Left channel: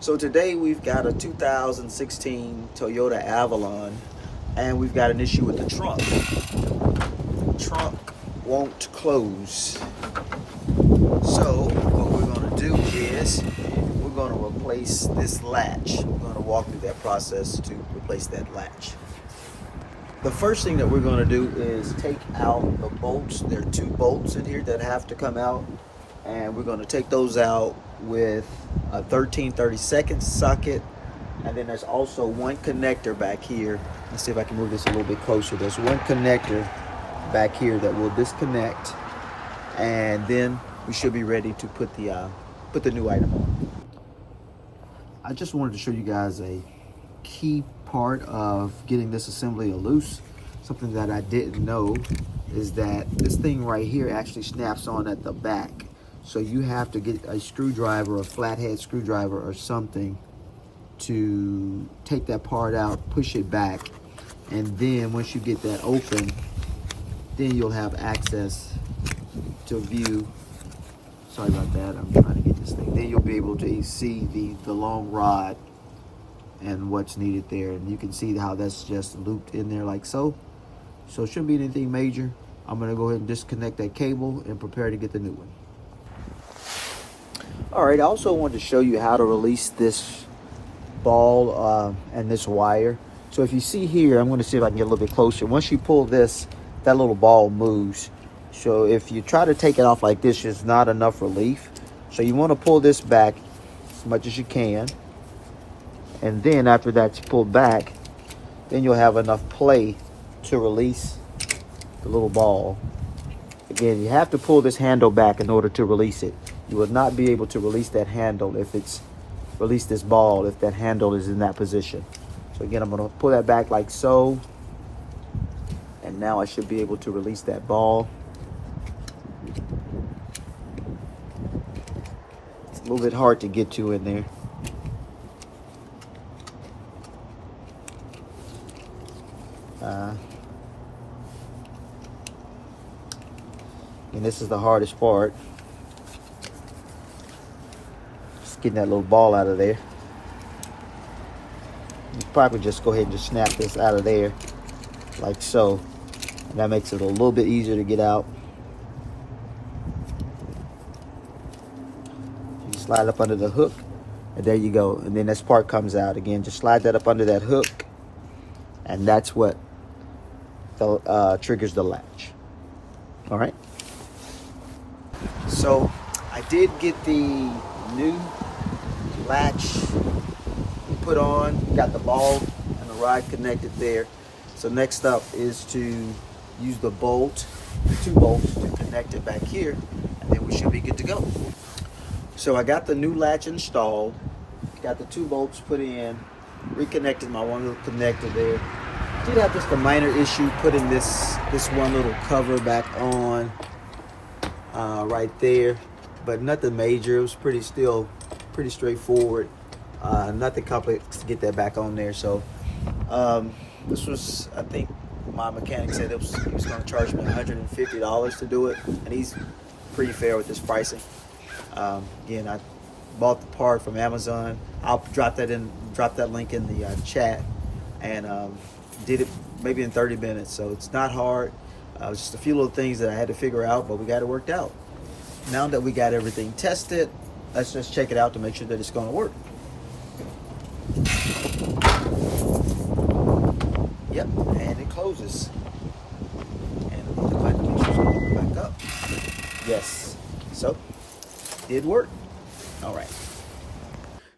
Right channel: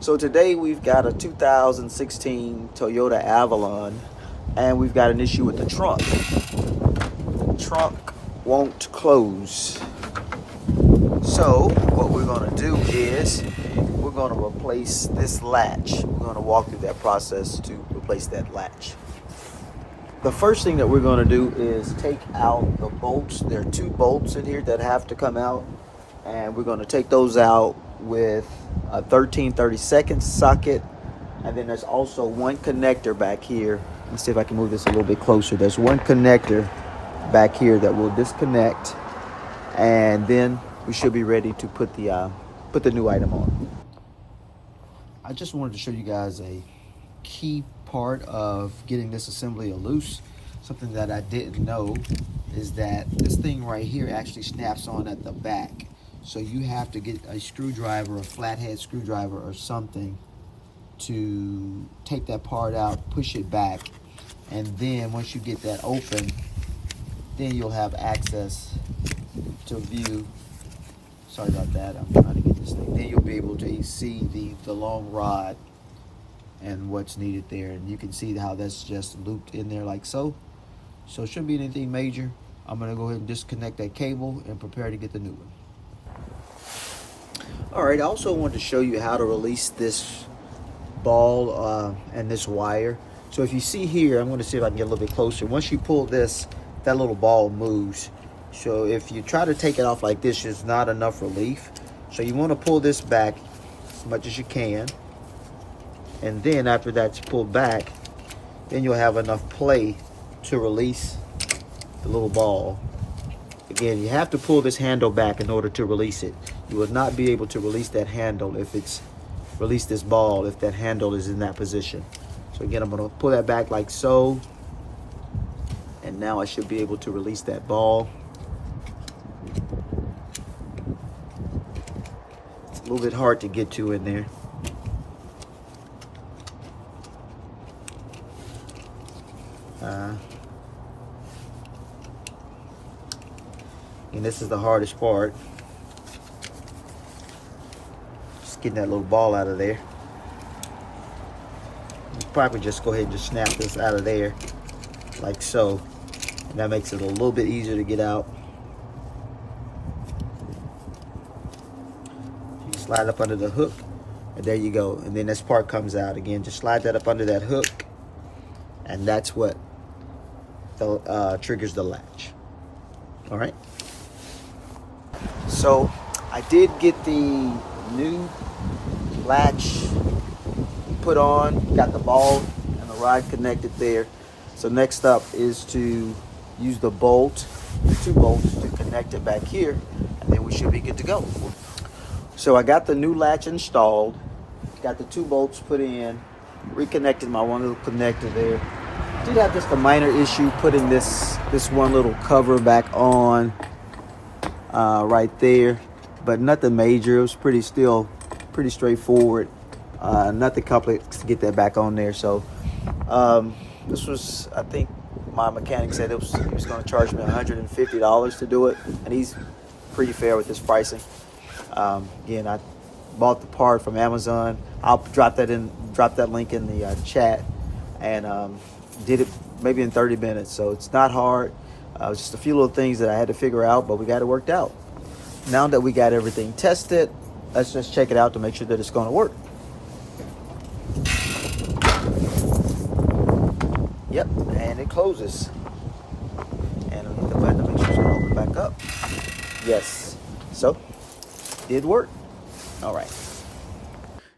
So today we've got a 2016 Toyota Avalon, and we've got an issue with the trunk. The trunk won't close. So what we're going to do is we're going to replace this latch. We're going to walk through that process to replace that latch. The first thing that we're going to do is take out the bolts. There are two bolts in here that have to come out, and we're going to take those out with a 13/32 socket, and then there's also one connector back here. Let's see if I can move this a little bit closer. There's one connector back here that will disconnect, and then we should be ready to put the new item on. I just wanted to show you guys a key part of getting this assembly loose. Something that I didn't know is that this thing right here actually snaps on at the back. So you have to get a screwdriver, a flathead screwdriver or something to take that part out, push it back, and then once you get that open, then you'll have access to view. Sorry about that, I'm trying to get this thing. Then you'll be able to see the long rod and what's needed there. And you can see how that's just looped in there like so. So it shouldn't be anything major. I'm gonna go ahead and disconnect that cable and prepare to get the new one. All right, I also wanted to show you how to release this ball and this wire. So if you see here, I'm gonna see if I can get a little bit closer. Once you pull this, that little ball moves. So if you try to take it off like this, there's not enough relief. So you wanna pull this back as much as you can. And then after that's pulled back, then you'll have enough play to release the little ball. Again, you have to pull this handle back in order to release it. You will not be able to release that handle if it's release this ball if that handle is in that position. So again, I'm gonna pull that back like so. And now I should be able to release that ball. It's a little bit hard to get to in there. And this is the hardest part. Just getting that little ball out of there. You probably just go ahead and just snap this out of there like so. And that makes it a little bit easier to get out. You slide up under the hook, and there you go. And then this part comes out. Again, just slide that up under that hook, and that's what triggers the latch. All right. So I did get the new latch put on, got the ball and the rod connected there. So next up is to use the bolt, the two bolts, to connect it back here, and then we should be good to go. So I got the new latch installed, got the two bolts put in, reconnected my one little connector there. Did have just a minor issue putting this one little cover back on right there, but nothing major. It was pretty straightforward. Nothing complex to get that back on there. So this was, I think my mechanic said it was going to charge me $150 to do it, and he's pretty fair with his pricing. Again, I bought the part from Amazon. I'll drop that link in the chat, and did it maybe in 30 minutes. So it's not hard. It was just a few little things that I had to figure out, but we got it worked out. Now that we got everything tested, let's just check it out to make sure that it's going to work. Yep, and it closes. And another button makes sure it's going back up. Yes, so did work. All right.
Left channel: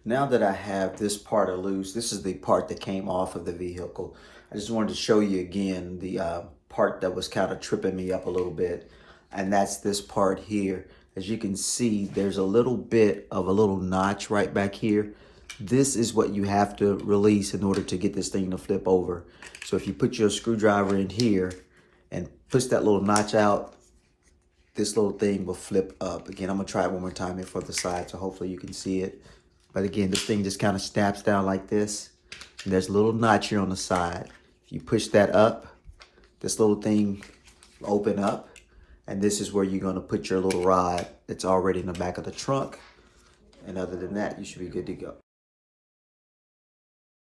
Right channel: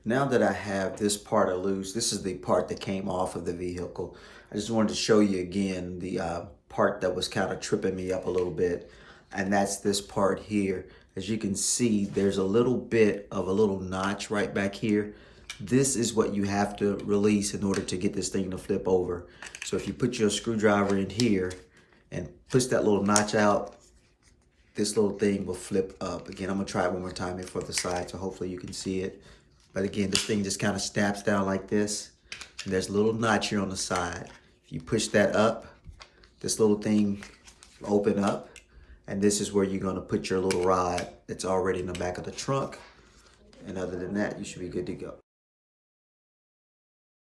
Now that I have this part loose, this is the part that came off of the vehicle. I just wanted to show you again the part that was kind of tripping me up a little bit, and that's this part here. As you can see, there's a little bit of a little notch right back here. This is what you have to release in order to get this thing to flip over. So if you put your screwdriver in here and push that little notch out, this little thing will flip up. Again, I'm gonna try it one more time here for the side, so hopefully you can see it. But again, this thing just kind of snaps down like this. And there's a little notch here on the side. If you push that up, this little thing will open up. And this is where you're gonna put your little rod that's already in the back of the trunk. And other than that, you should be good to go.